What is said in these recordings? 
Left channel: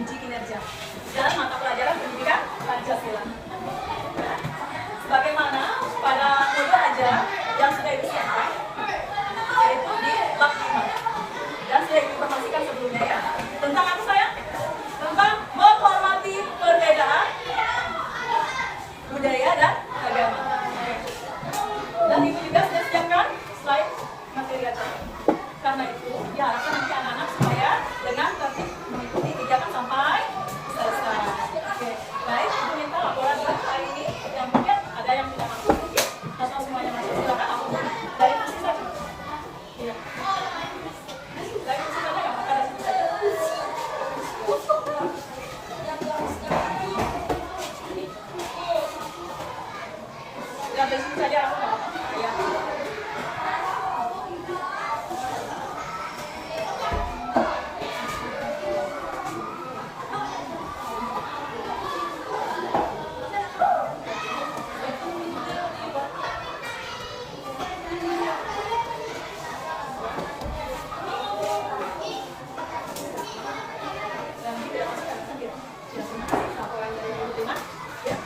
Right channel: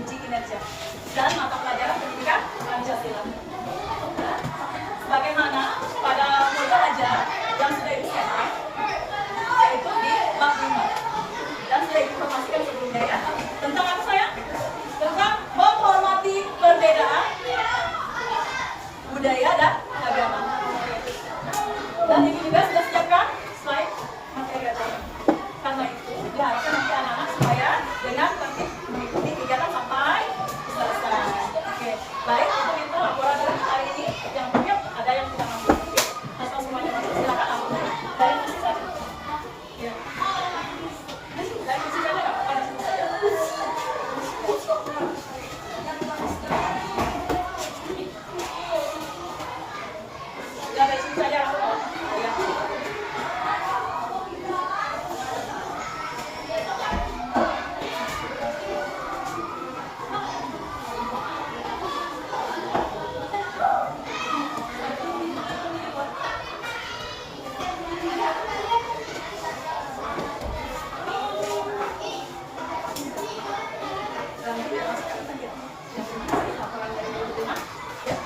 uji kinerja dan mata pelajaran pendidikan Pancasila. Sebagaimana pada modul ajar yang sudah disiapkan, yaitu di bab 5 dan sudah diinformasikan sebelumnya ya. Tentang apa sayang? Tentang menghormati perbedaan budaya dan agama. Dan itu juga sudah siapkan slide materi acara. Karena itu diharapkan nanti anak-anak supaya dengan tertib mengikuti kegiatan sampai selesai. Oke, baik untuk kita laporan hari ini yang punya ada yang tidak mampu atau semuanya masuk silakan langsung dari nasi saja. Ya. Dari nasi saja nggak apa-apa, dari nasi saja. Ya dari sini saja. Ya.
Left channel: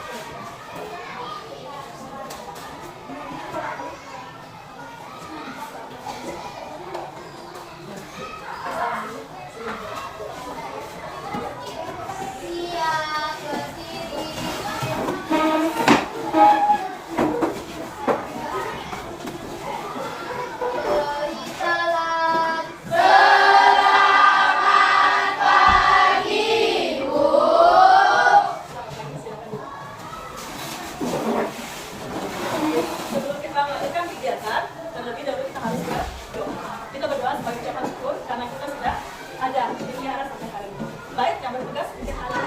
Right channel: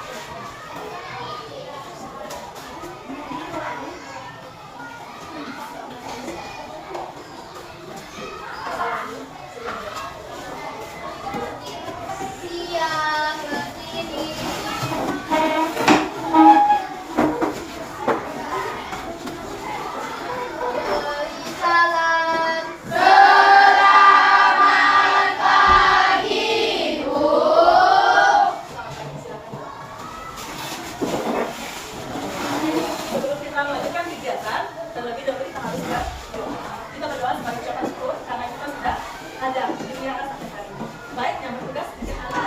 Sebelum kita melakukan kegiatan, terlebih dahulu kita harus berdoa. Kita berdoa sebagai ucapan syukur karena kita sudah ada di wihara sampai hari ini. Baik, yang bertugas di sini siapa?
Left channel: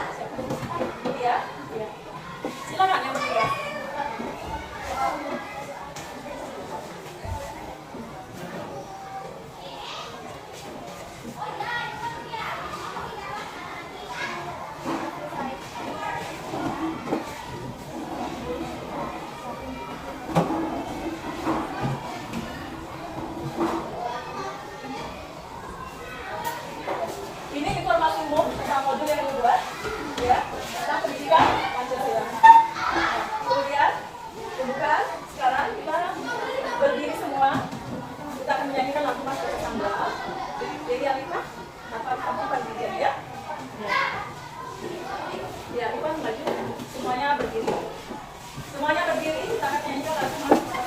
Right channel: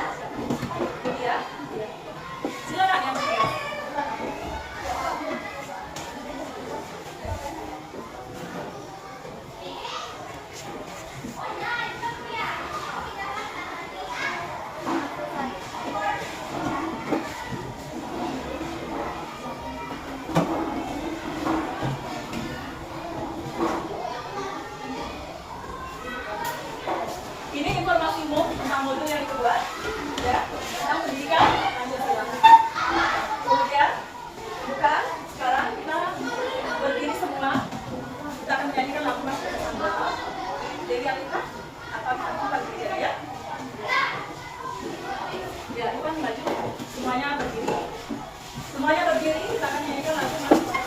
Ya, ya. Silakan yang bertugas. Ini informasi umum tentang modul yang kedua, ya, tentang pendidikan Pancasila. Kemudian, bukan sekarang kita berdiri semua, kita akan menyanyikan lagu Mas Tetangga. Jadi Alika, atau kamu berdiri ya? Ya, Ivan maju. Semuanya berdiri. Semuanya berdiri, kita akan menyanyikan lagu Mas Tetangga.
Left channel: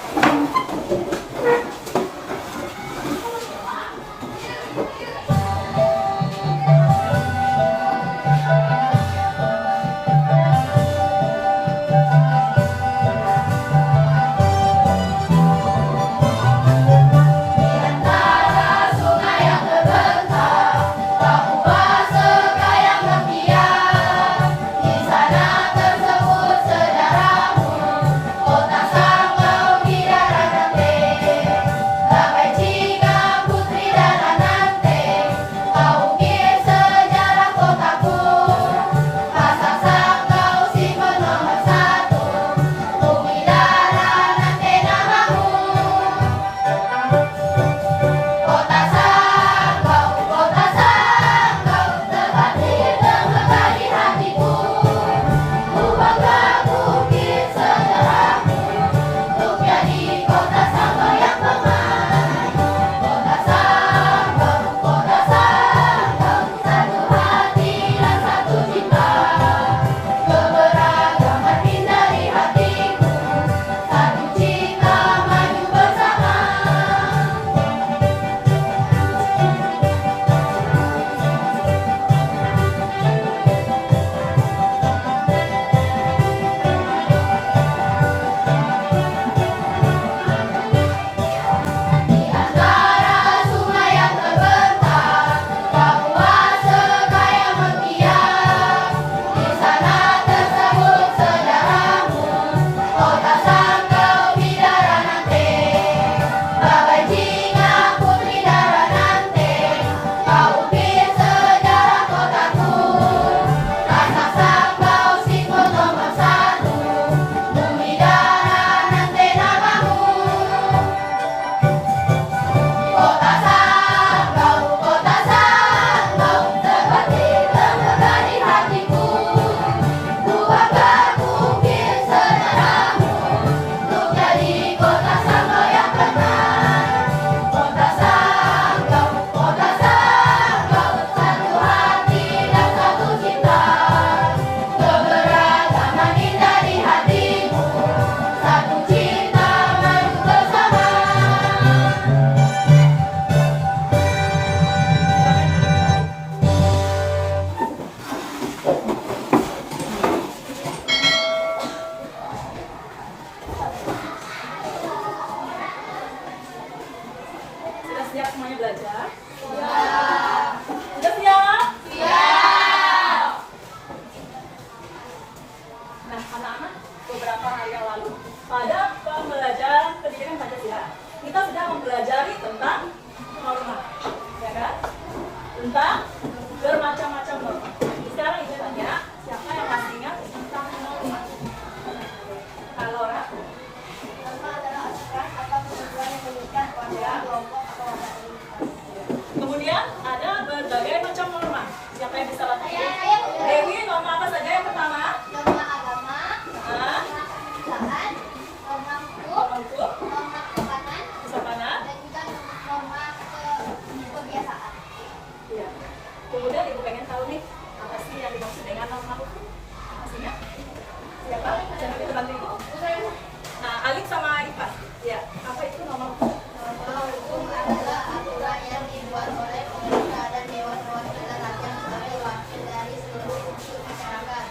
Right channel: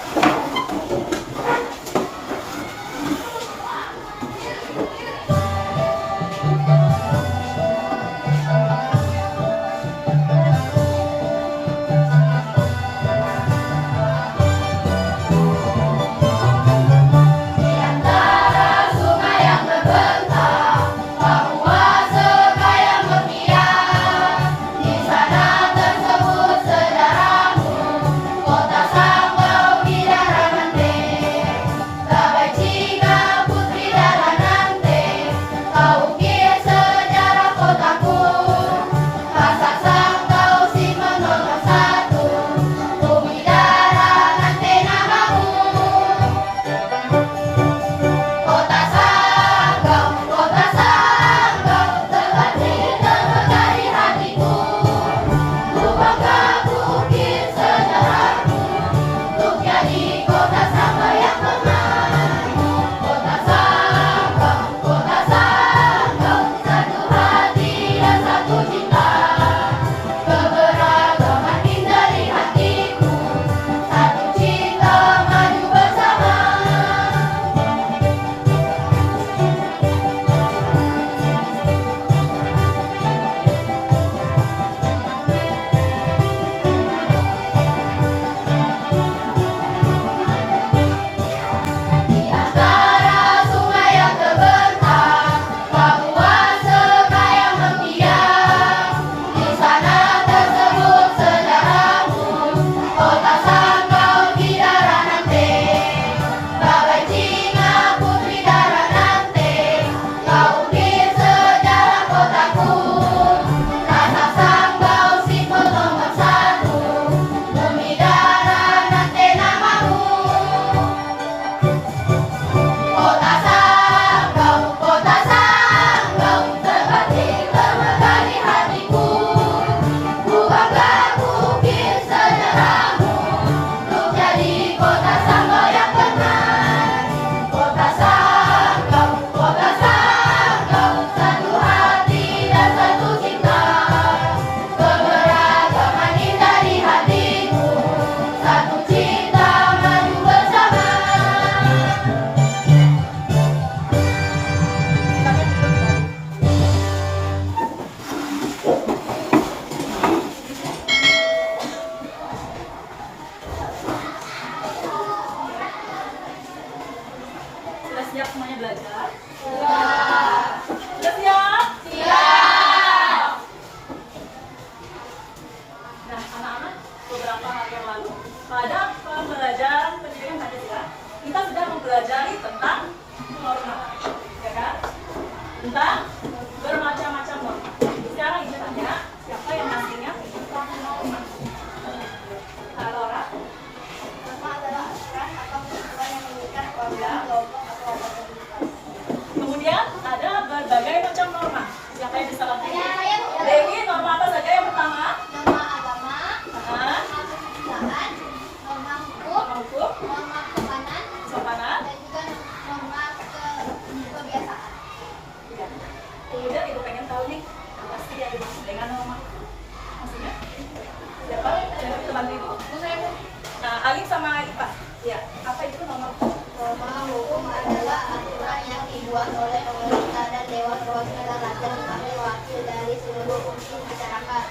dari seluruh unsur masyarakat.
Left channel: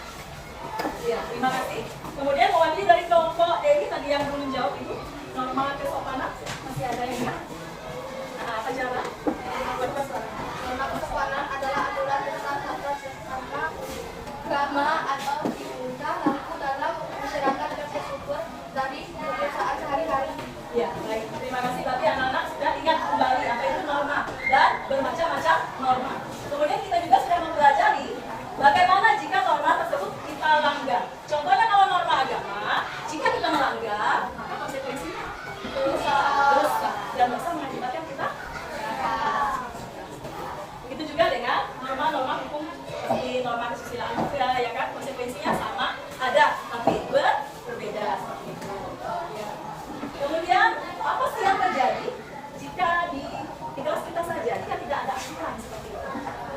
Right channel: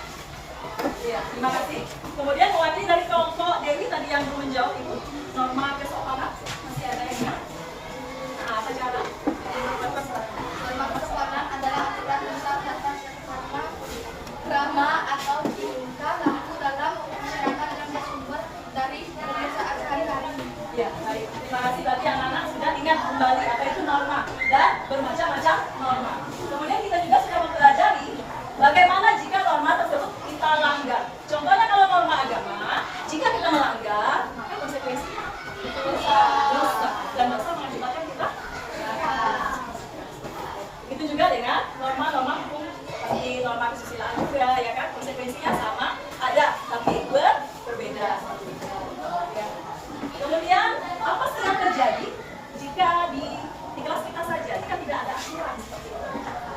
Ya, terima kasih. Kemudian mewakili dari kelompok Dewi tadi yang belum menjawab itu norma kesopanan masih ada yang ingat? Nah, apa cara? Norma kesopanan adalah aturan tentang tata krama atau tingkah laku dalam masyarakat yang bersumber dari kebiasaan sehari-hari. Ya, baik. Terima kasih. Berarti anak-anak sudah ingat kembali apa itu norma dan bermacam-macam norma. Kemudian kita juga sudah mempelajari bagaimana jika norma tersebut kita langgar. Contohnya kalau norma agama, jika kita melanggar, maka konsekuensinya dosa. Dan dosa mengakibatkan kita. Itu juga dengan norma-norma hukum seperti norma kesusilaan juga, ya kan? Konsekuensinya sama, ada, tapi berbeda. Ya. Kemudian apa sih yang terjadi jika di kelas kita saja, jika tidak ada aturan seperti itu?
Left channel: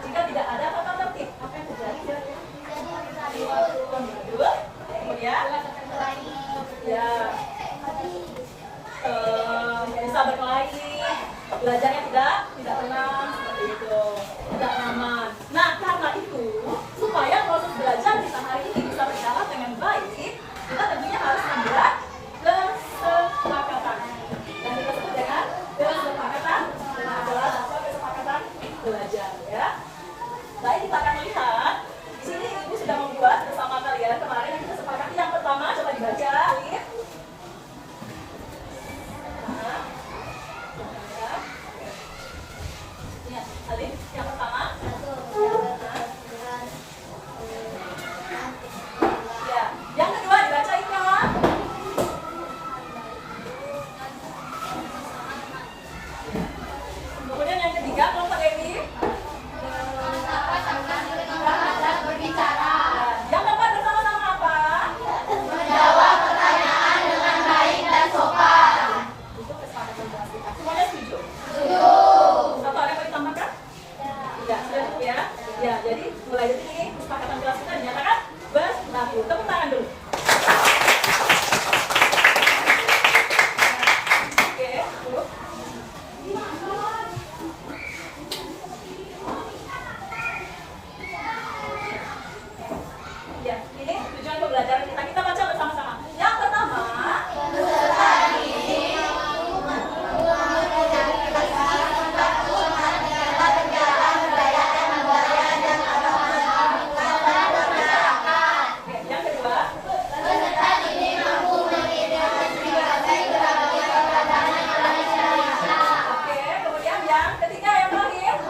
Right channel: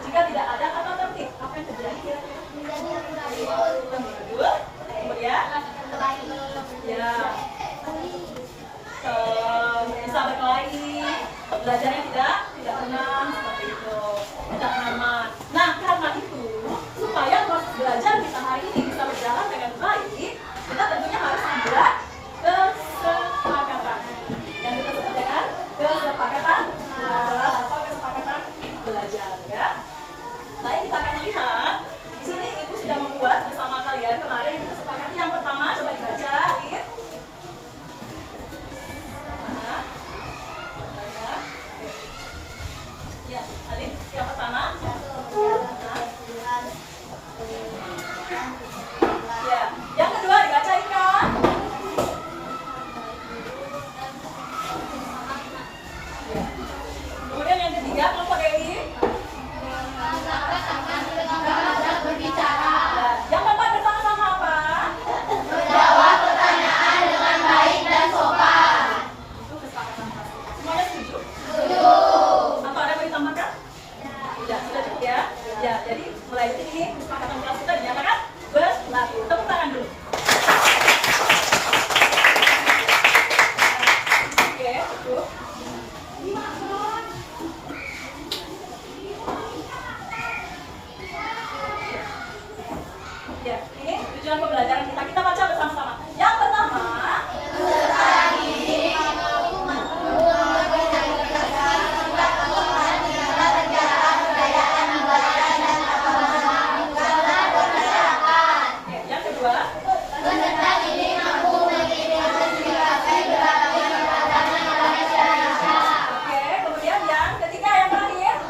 Jika tidak ada tata tertib, apa yang terjadi kira-kira? Kemudian, ya, bisa berkelahi, belajarnya tidak tenang seperti itu, tidak aman. Nah, karena itu supaya proses belajar kita hari ini bisa berjalan dengan baik, kita tentunya harus membuat kesepakatan. Dan kita sebut dengan kesepakatan adalah apa? Kesepakatan belajar, ya. Baik, kita akan lihat di sini ibu sudah membuat bersama kalian kemarin itu kesepakatan yang pertama, coba dibaca, Alif. Ya, Alif, yang pertama. Ya, yang kedua dibacain kawan. Kemudian yang ketiga, kelompok Dewi. Yang keempat bersama-sama apa? Menjawab pertanyaan dengan baik dan sopan. Itu kesepakatan kelas kita. Semuanya setuju? Setuju. Atau ada yang mau ditambahkan? Ya, sudah cukup ya. Ya, jadi mulai dari ini kesepakatan kelas kita dinyatakan berlaku. Tepuk tangan dulu. Oke, cukup. Ya, ini tujuan pembelajaran kita. Kita baca bersama-sama. Yang pertama, oke, yang kedua, oke, kemudian yang ketiga, yang terakhir.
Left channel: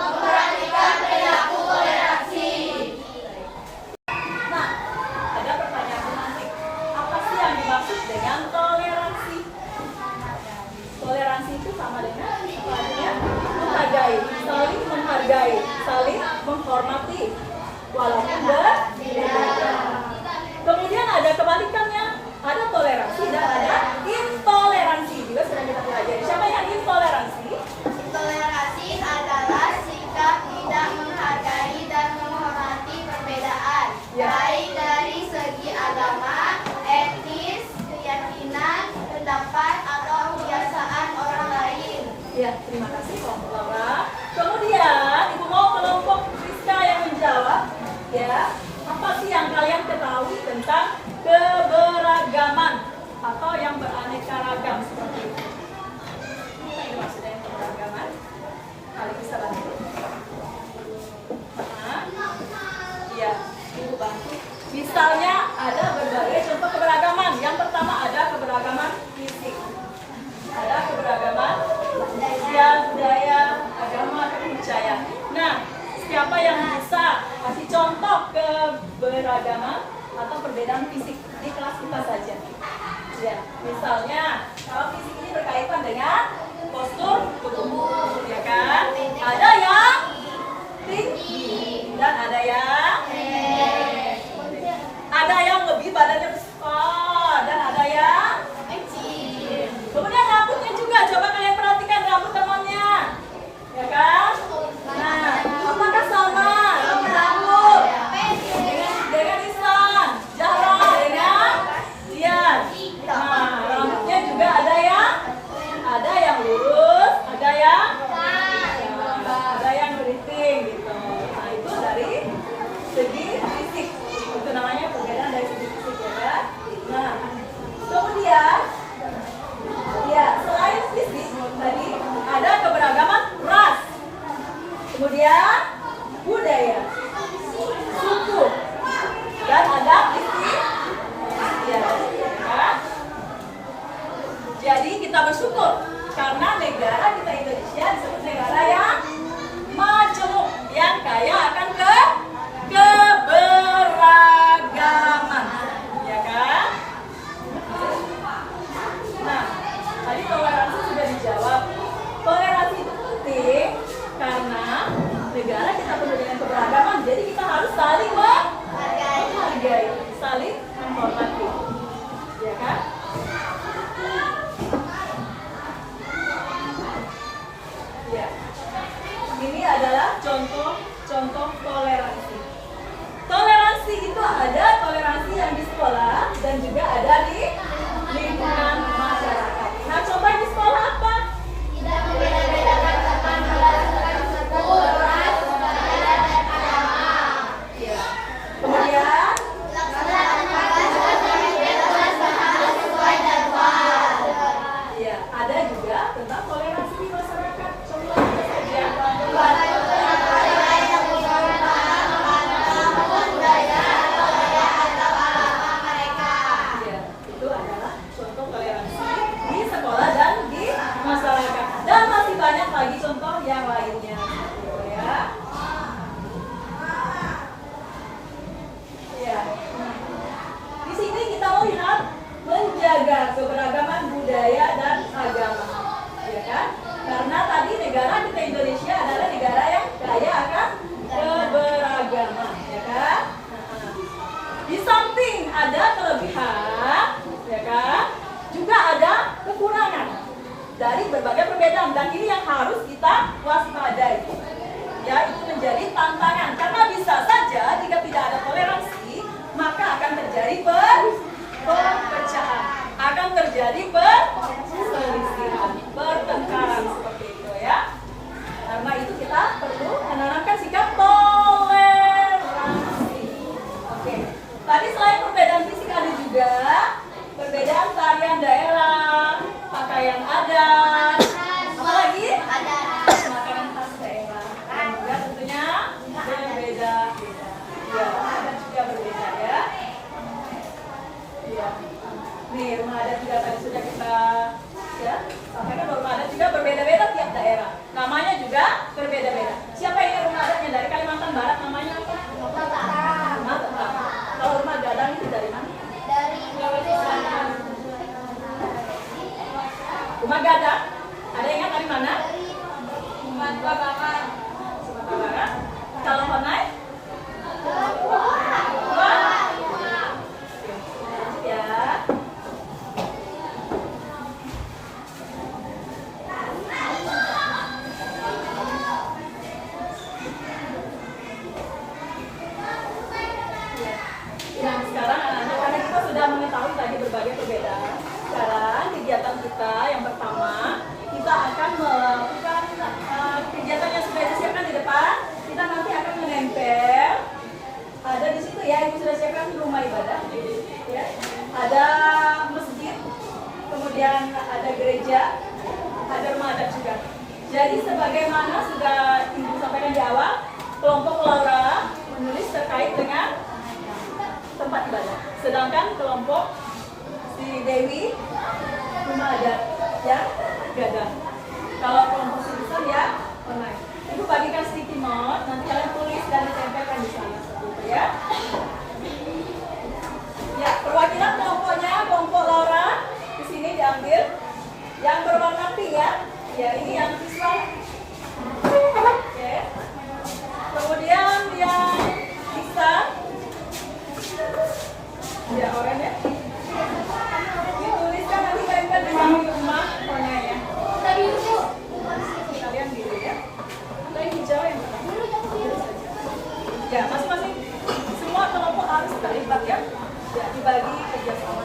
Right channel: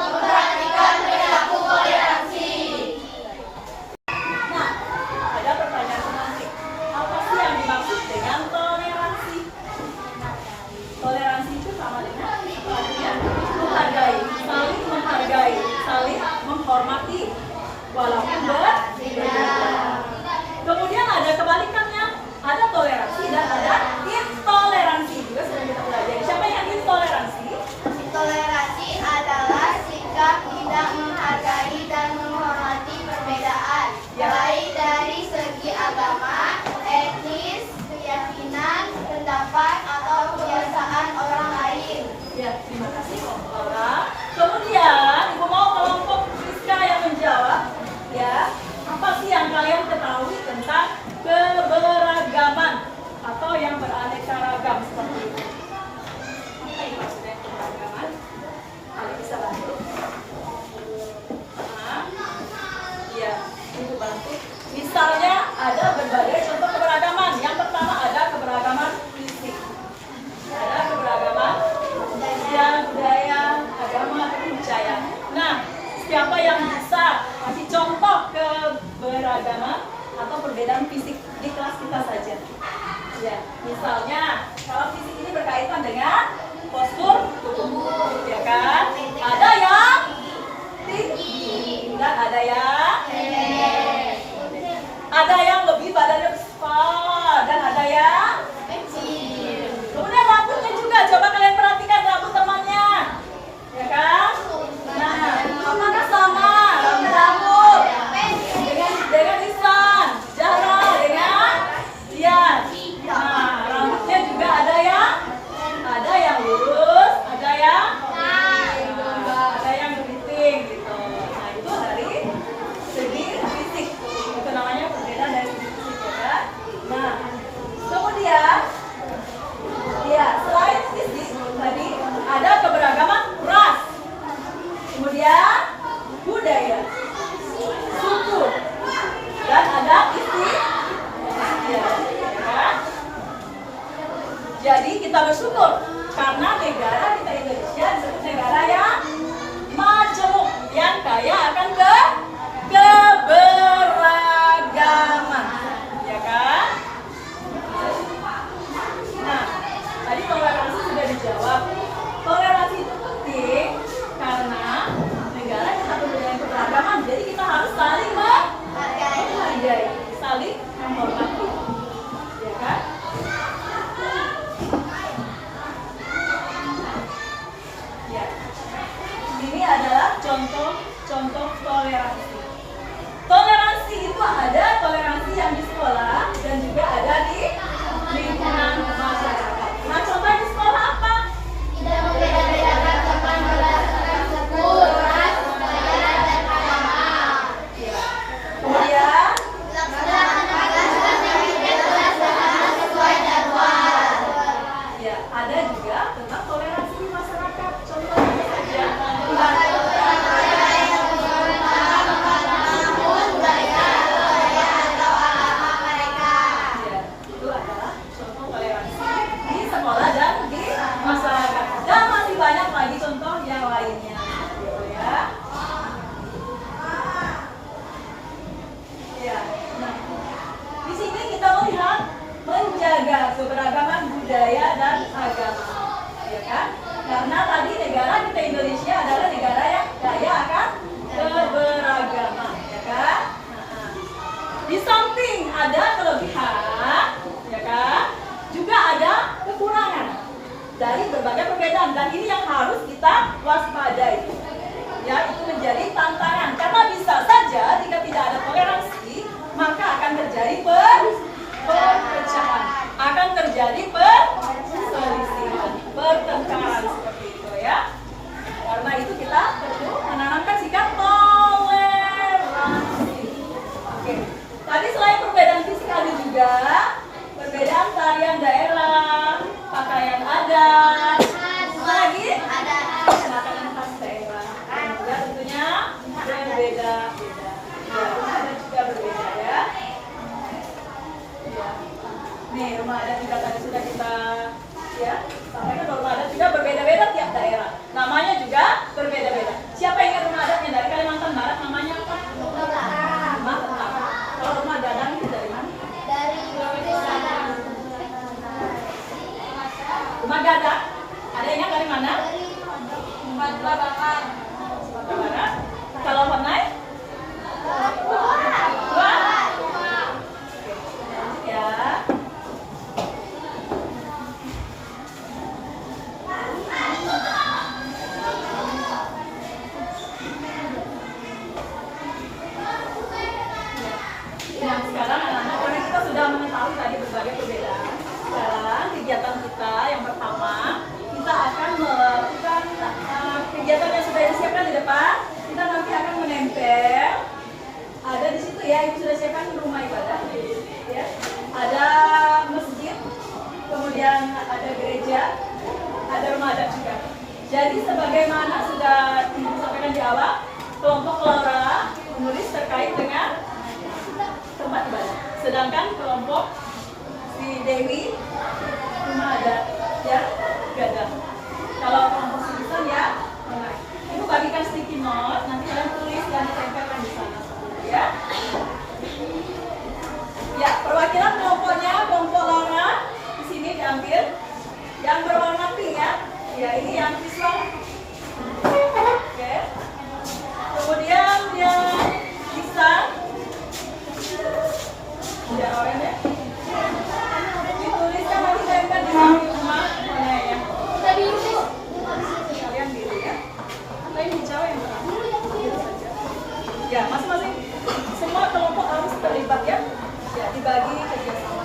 Nah, ada pertanyaan menarik. Apa sih yang dimaksud dengan toleransi? Toleransi itu sama dengan apa artinya? Menghargai, saling menghormati, walaupun berbeda. Kemudian ada kebalikannya, ada toleransi dan ada intoleransi. Juga sudah kita pelajari. Siapa yang intoleransi? Intoleransi adalah sikap tidak menghargai dan menghormati perbedaan, Ya. baik dari segi agama, etnis, keyakinan, pendapat, atau kebiasaan orang lain. Ya, terima kasih kelompok Laura. Kemudian, Ibu mau kelompok Rizka yang menjawab. Ya, apa sih yang kalian ketahui tentang keberagaman atau yang beraneka ragam seperti itu? Ini maksudnya keberagaman. Kalian bisa bantu? Iya, Ibu bantu. Misalnya ada berbagai contoh keberagaman. Yang pertama ada keberagaman fisik. Ada keberagaman sosial, budaya, agama, dan kepercayaan. Nah, siapa yang bisa kasih contoh keberagaman atau perbedaan fisik di kelas kita saja? Ya, misalnya kalau fisik ini berkaitan dengan postur tubuh, ya kan? Ada yang tinggi dan ada yang pendek. Ada yang lebih badannya besar dan ada yang kecil. Kemudian rambutnya juga, coba kalian perhatikan rambut temannya, ya kan? Nah, apakah sama rambut dengan Ihsan, Zahra dengan Dian? Nah, rambutnya juga ada yang lurus, ada yang keriting gitu. Nah, itu dari perbedaan dan ini yang harus kita waspadai. Ya, itu menjadi tantangan karena bisa saja jika tidak ada toleransi maka akan terjadi perpecahan, akan terjadi perselisihan, pertengkaran seperti itu ya. Karena itu kita perlu menanamkan sikap toleransi. Oke. Tadi selain perbedaan fisik ada juga perbedaan tarian daerah, pakaian adat, apa lagi? Makanan khas daerah. Dan juga tentunya berbeda-beda. Ya, rumah adat juga berbeda ya. Ya. Nih, rumah adat juga tadi sudah kita ya sampaikan bahwa rumah adat juga berbeda-beda tiap daerah. Namanya juga berbeda-beda. Siapa yang ingat rumah adatnya dari Kalimantan Barat namanya apa? Rumah Tetap. Kalau rumah gadang itu dari mana? Rumah gadang? Ada yang ingat dari mana? Sumatera Barat. Sumatera Barat. Kalau Honai? Ya. Nah, sekarang anak-anak karena kita sudah mengetahui tadi berbagai perbedaan. Sekarang kegiatan kita yang pertama, kita akan melakukan kegiatan yang sudah disiapkan di depan. Kita nanti akan menempel. Ada di situ ya, yang sudah siapkan rumah ibadah. Ya. Ada masjid, kemudian ada gereja, ada rumah adat juga. Jadi sebagaimana sudah Ibu sampaikan di awal, kelompok Laura menulis terkait dengan tempat ibadah. Sedangkan kelompok si Dewi rumah adat ya gadang. Kalau kelompok si Susan ya Honai. Ibu bagikan sticky note, nanti kalian tulis dan ditempelkan di sana ya. Ya, perwakilan kelompoknya kelompok Laura di sini diambil yang berwarna pink ya. Ya, ini yang Islam. Oke. Kemudian yang bisa ya, oranye. Dituliskan nanti tempel di rumah warna ya. Kalian biru ya. Atau yang hijau yang mana? Biru saja. Ya, masing-masing semua kelompok harus terlibat ya. Ya, dibagi kerjasama.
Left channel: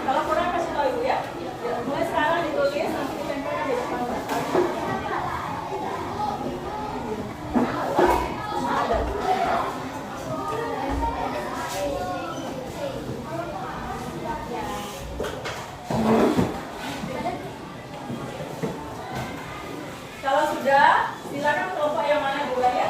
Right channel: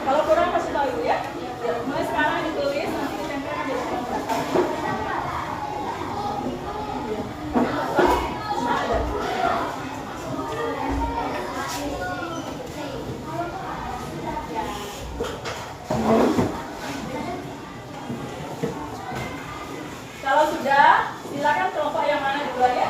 Kalau kurang kasih tahu Ibu ya. Ya, mulai sekarang ditulis nanti ditempelkan di depan daftar. Kalau sudah, silakan kelompok yang mana duluan ya.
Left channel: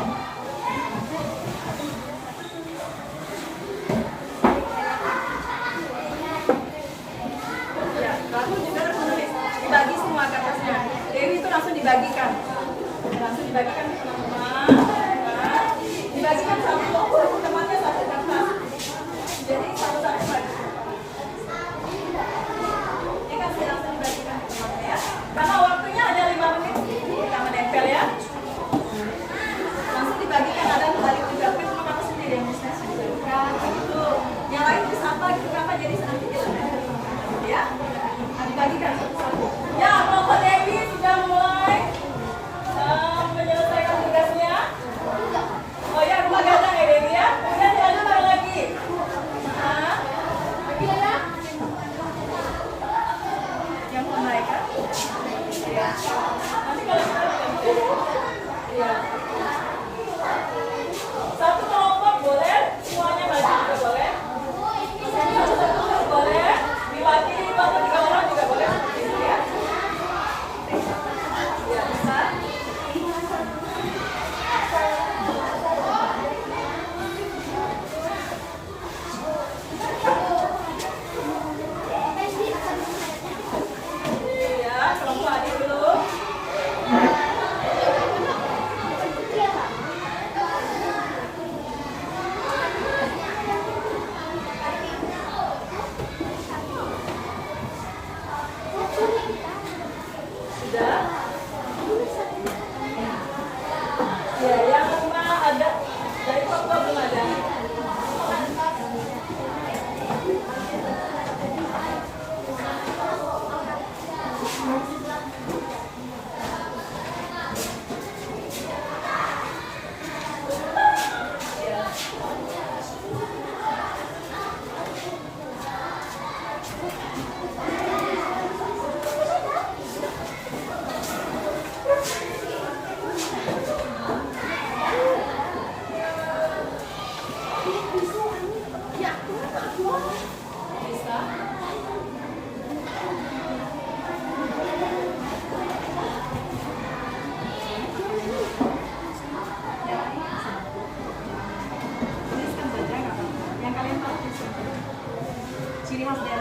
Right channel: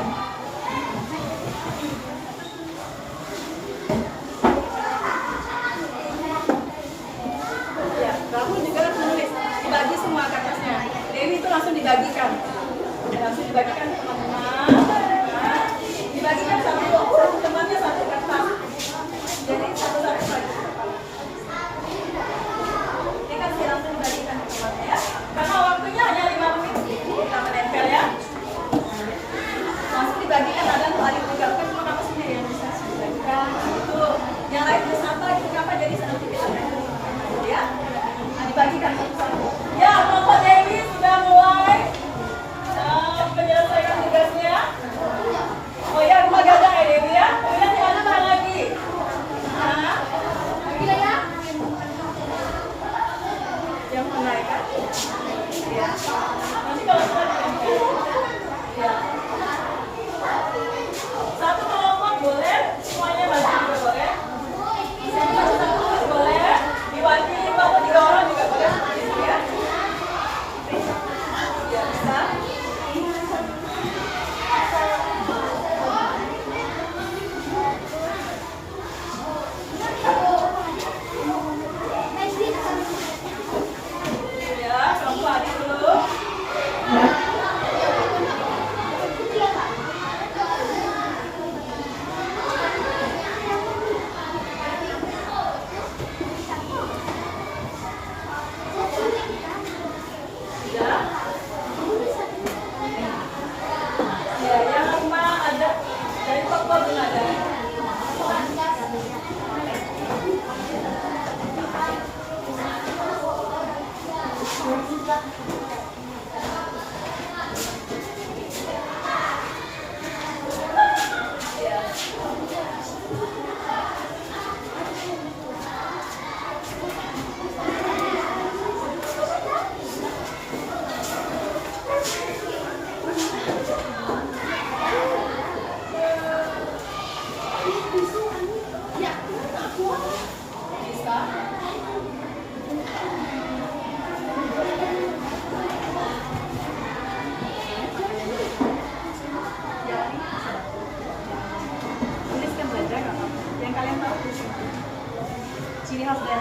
ciri khas dari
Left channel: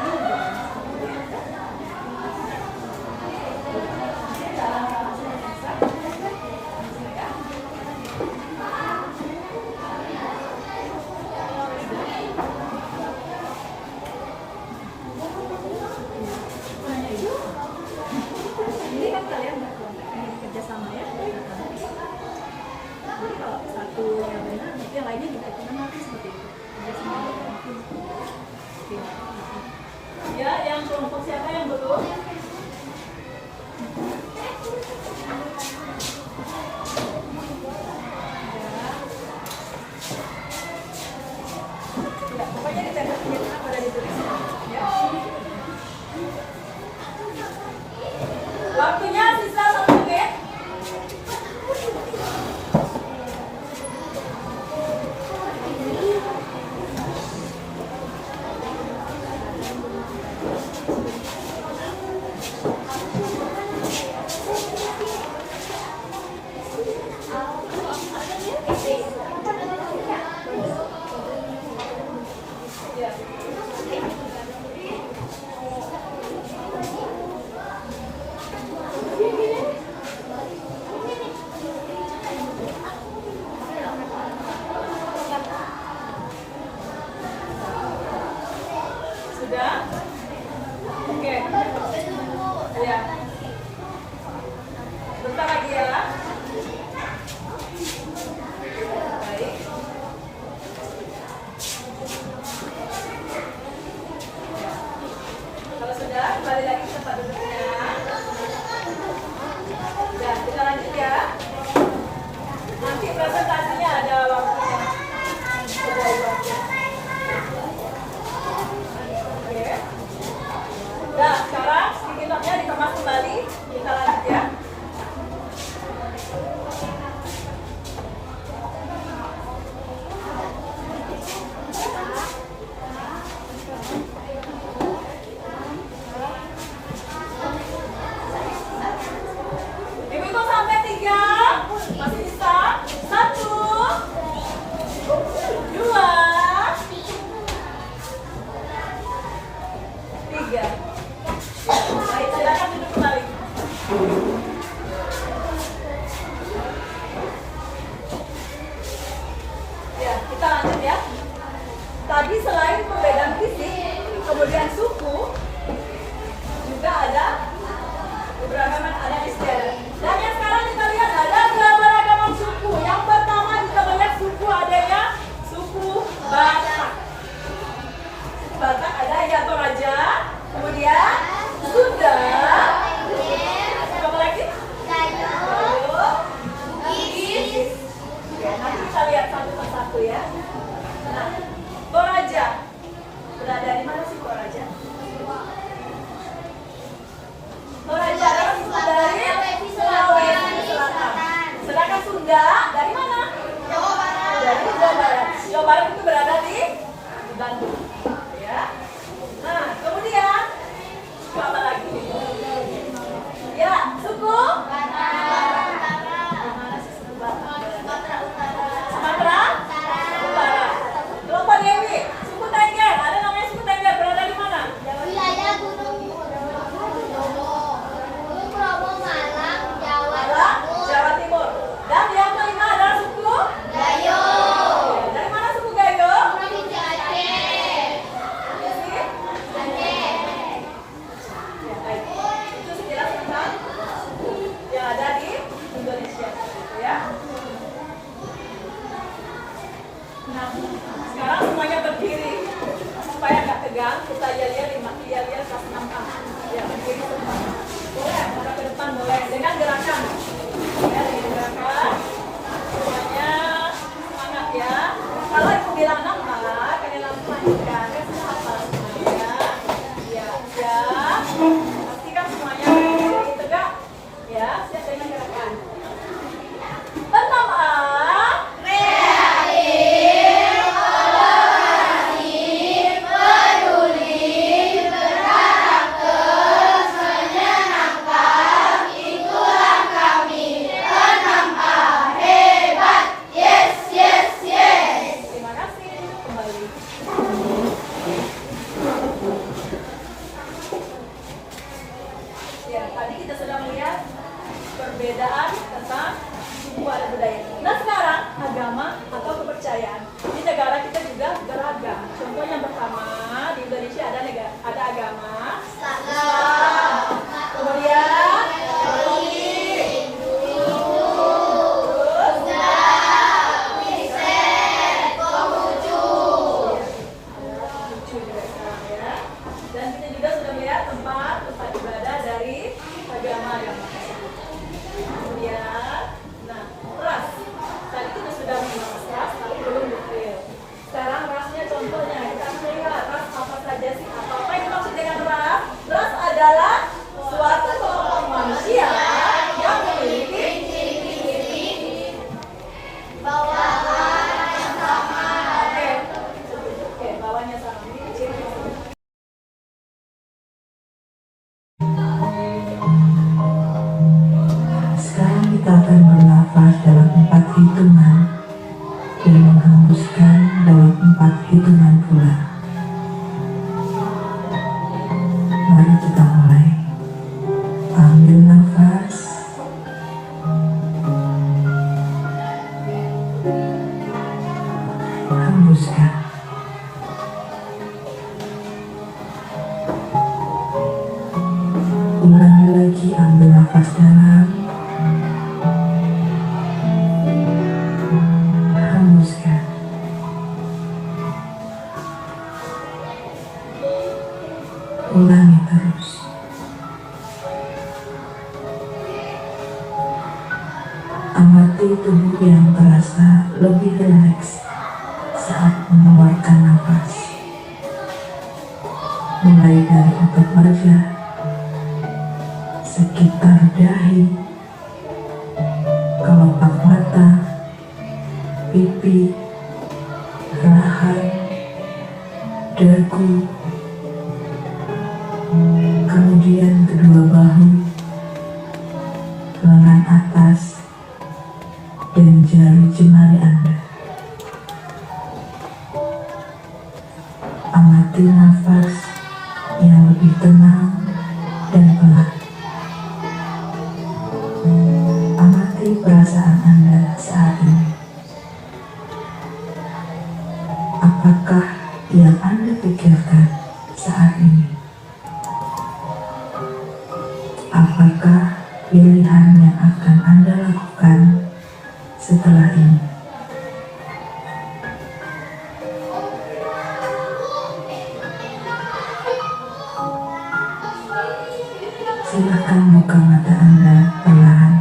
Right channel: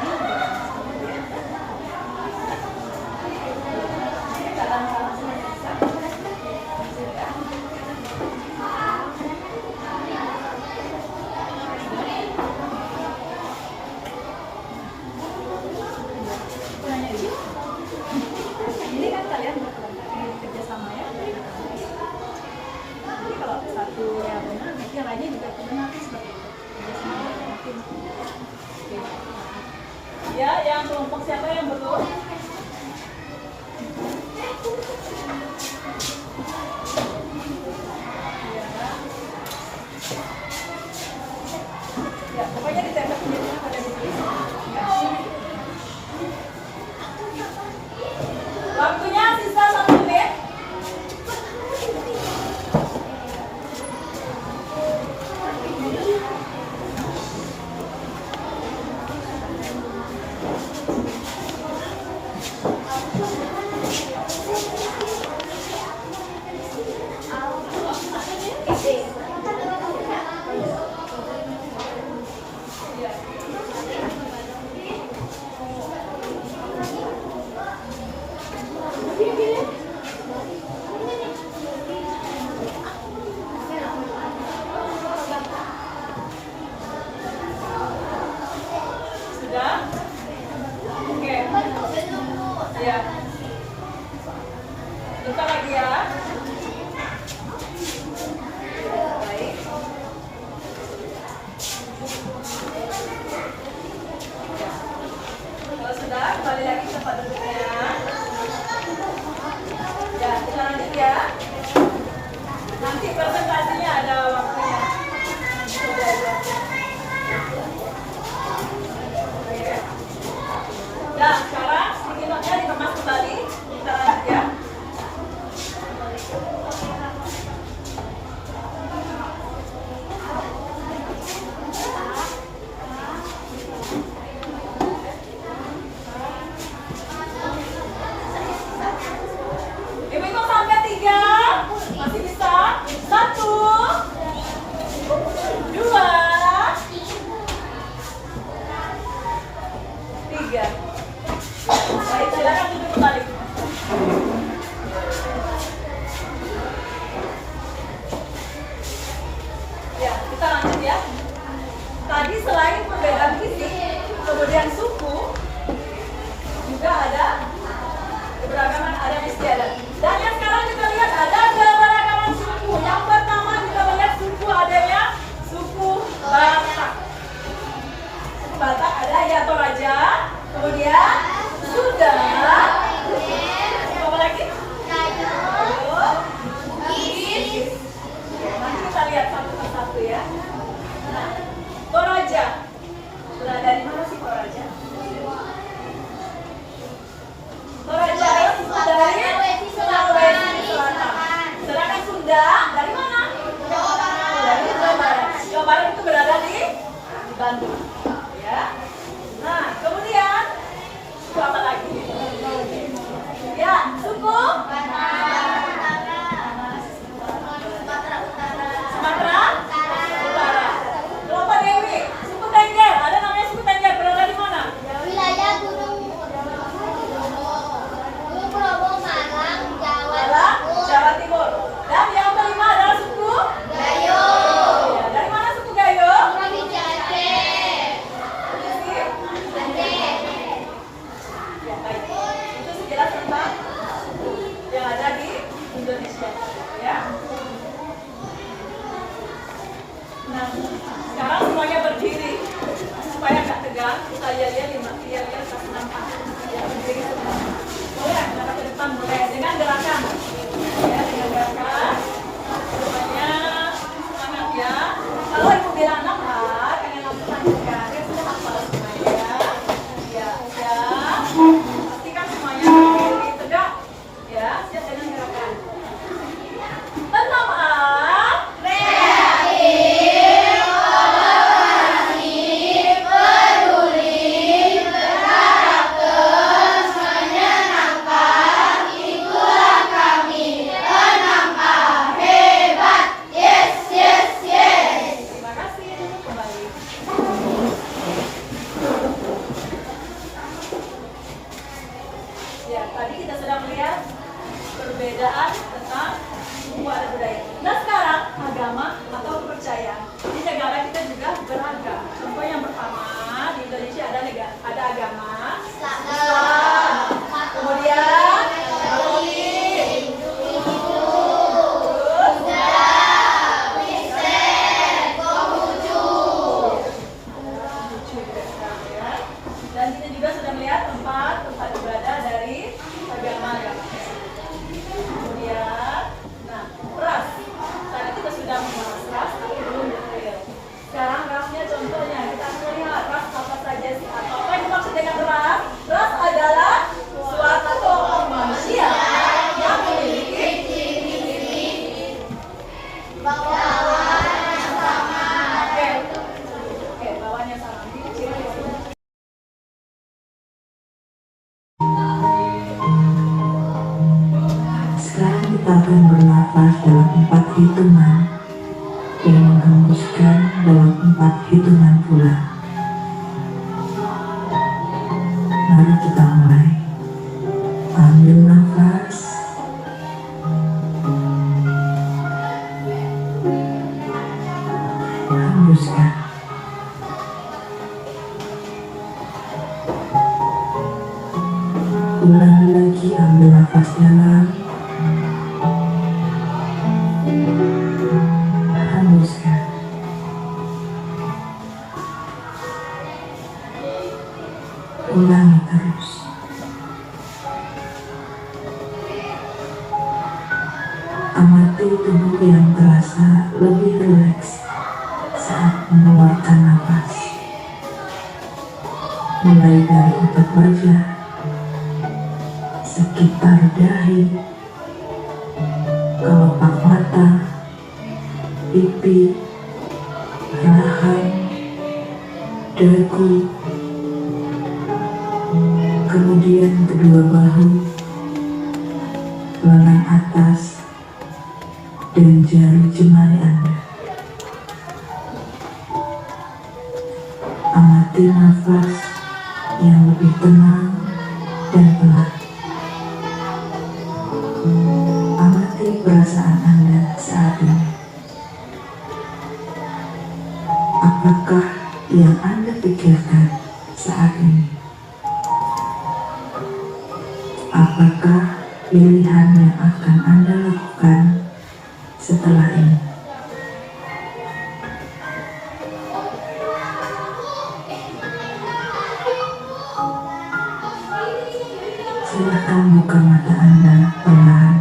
ini kan kalian kerjasama ya. Jadi kalau satu yang benar, yang lainnya juga benar seperti itu. Ya, yang kelompok siapa yang belum? Ya, pokoknya ditempel penjelasan pada ditulis. Ya. Waktunya sisa 1 menit. Sudah? Oke. Ya. Bentar lagi ya. Baik. Kalau sudah, kembali lagi ke tempat duduknya. Ya, kita lanjut ya. Nanti presentasinya ada waktunya. Ya, sekarang sticky-notnya dikemas kembali. Kita lanjut ya. Ibu hitung sampai 3. Masih bisa? 1, 2, 3. Baik, silakan duduk kembali. Ya, kita lanjut ya. Tadi selain perbedaan fisik, kemudian suku, juga ada keberagaman adat istiadat. Dan yang sekarang kita lihat ada keberagaman suku. Yang pertama kita melihat suku adanya suku Batak. Suku Batak ada ya Toraja, kemudian Sunda, apa lagi? Bugis. Nanti kita lihat satu persatu ya. Nah, Toraja berada di mana sih Toraja? Toraja adalah suku dari Sulawesi Selatan. Sedangkan Sunda dari mana? Dari Jawa Barat. Jawa Barat itu berada di Bandung. Ya. Nah, kemudian suku apa lagi? Ya, suku Sumatera Utara. Kelompok Dewi, suku Tengger. Ada namanya suku Tengger berada di mana? Wilayah Gunung Bromo, Malang, Jawa Timur. Dan yang kelima adalah suku Gayo. Ya, dari mana suku Gayo? Provinsi Aceh. Ya, baik. Itu sekilas tentang yang ada di Indonesia, ya. Nah, sekarang semuanya berdiri supaya nggak tegang. Kita lihat kas nampak. Ya, berdiri semua. Boleh, arah ke depan boleh dengan gerakan. Ya, dengan gerakan. Semuanya semangat ya. Kalau ibu bilang nampak, pengen langsung lanjutkan. Ya sudah hafal semuanya. Ya, siap. Pastikan semuanya berdiri tegak. Ya, siap dengan gerakan. Pertama, Peduli, berharap dan menghembuskan dalam 4 hitungan pula. Mari kita mulai. Ambil nafas. Hembuskan. Ulangi lagi, ambil nafas dalam. Hembuskan. Ulangi terus. Amati tubuh yang terasa lebih rileks saat mengeluarkan nafas. Mulai dari otot wajah, sekitar dahi, kelopak mata, pipi, rahang, dagu, kemudian kedua bahu, lengan atas, dan jari jemari Anda. Amati nafas yang lebih tenang dan pelan. Amati perasaan Anda saat ini. Apakah yang Anda pikirkan saat ini? Apakah pilihan yang akan Anda lakukan setelah ini? Silakan buka mata Anda pelan.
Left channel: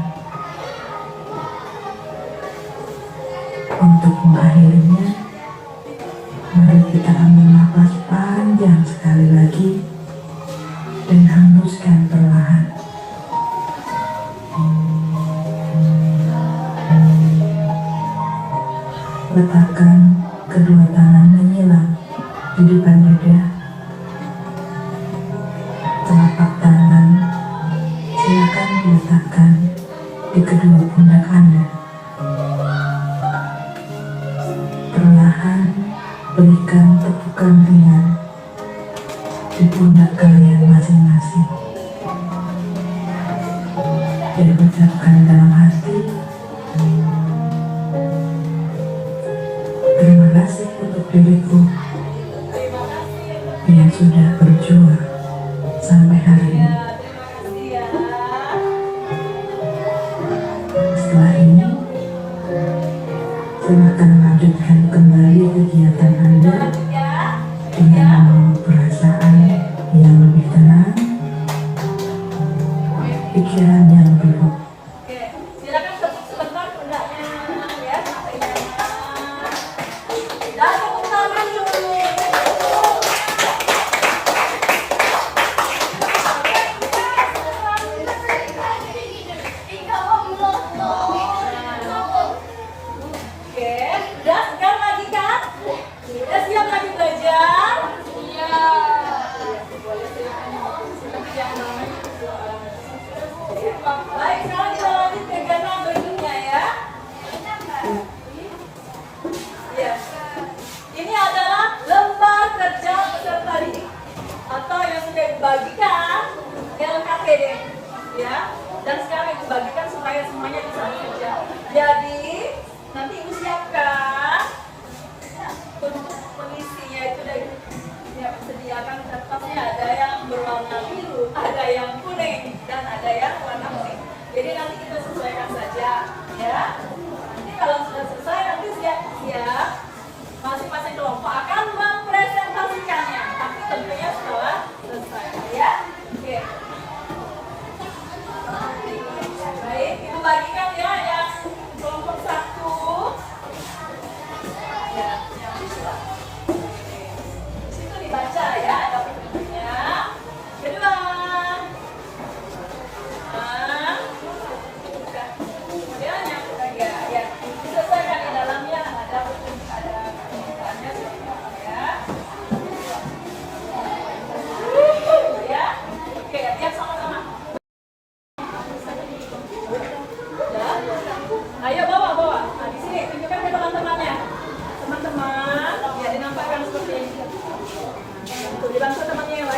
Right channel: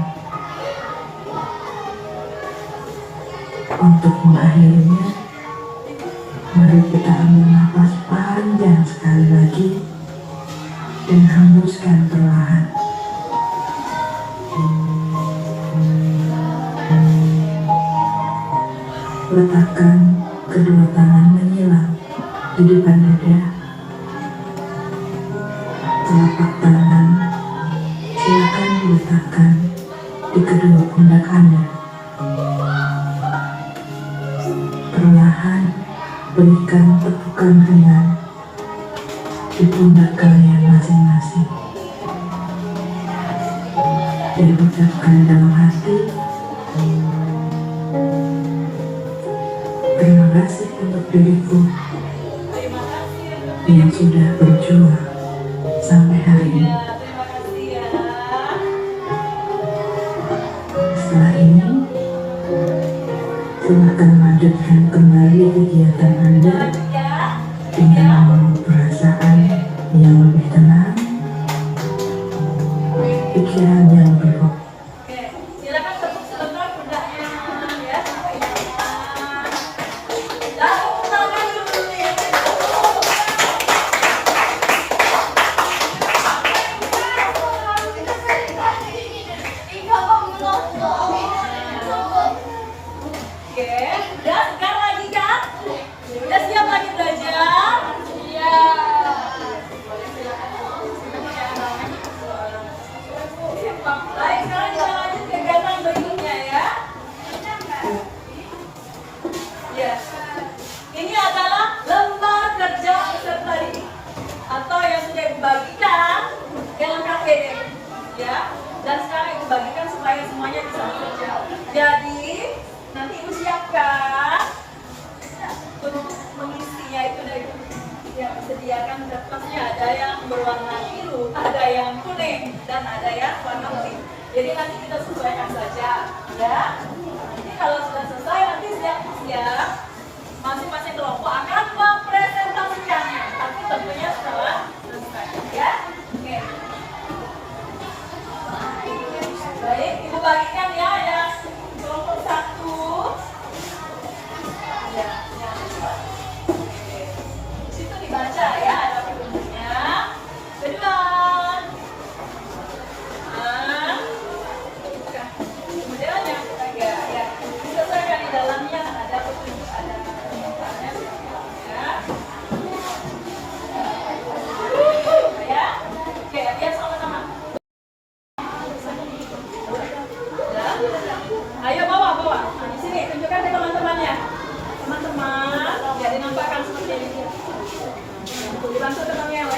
Untuk mengakhirinya, mari kita ambil nafas panjang sekali lagi dan hembuskan perlahan. Letakkan kedua tangan menyilang di depan dada. Telapak tangan silakan diletakkan di kedua pundak Anda. Perlahan berikan tepukan ringan di pundak kalian masing-masing. Dan ucapkan dalam hati, terima kasih untuk diriku Terima kasih untuk yang sudah berjuang sampai hari ini. terima kasih ya. Setelah ini, silakan lanjutkan kembali kegiatan Anda Ya. dengan membawa perasaan yang lebih tenang, pikiran yang lebih fokus. Oke, silakan tepuk sebentar pundaknya ya sampai sana. Dan tepuk tangan dulu. Oke, udah segar lagi kan? Udah siap lagi belajar? Iya. Boleh silakan. Baik, sekarang kita lanjut ke gana berikutnya ya. Ya. Ini adalah lembar kerja peserta didik atau yang sudah dibagikan dalam KPD ya. Dan sekarang ibu bagikan supaya semuanya bisa bekerja. Jadi nanti ibu siapkan untuk mengisinya itu dari yang sediakan kertasnya, ada yang berwarna biru, ada yang kuning, dan ada yang warna putih. Jadi nanti kita sesuaikan saja ya. Nanti kalau sudah selesai nanti siap-siap masing-masing kelompok akan mempresentasikannya, tapi tentunya setelah selesai ya. Oke. Baik, ibu bagikan ya yang kelompok 1. Ya, yang kedua. Oke. Di situ dibaca ya, ada petunjuknya. Kedua. Kemudian yang ketiga ya, disesuaikan di dalamnya ada petunjuk, ada permintaannya ya. Ya. Oke, biar sama-sama. Udah? Ayo bawa. Nah, di sini tunjukkan ke teman-temannya. Itu dibantu temannya yang lain.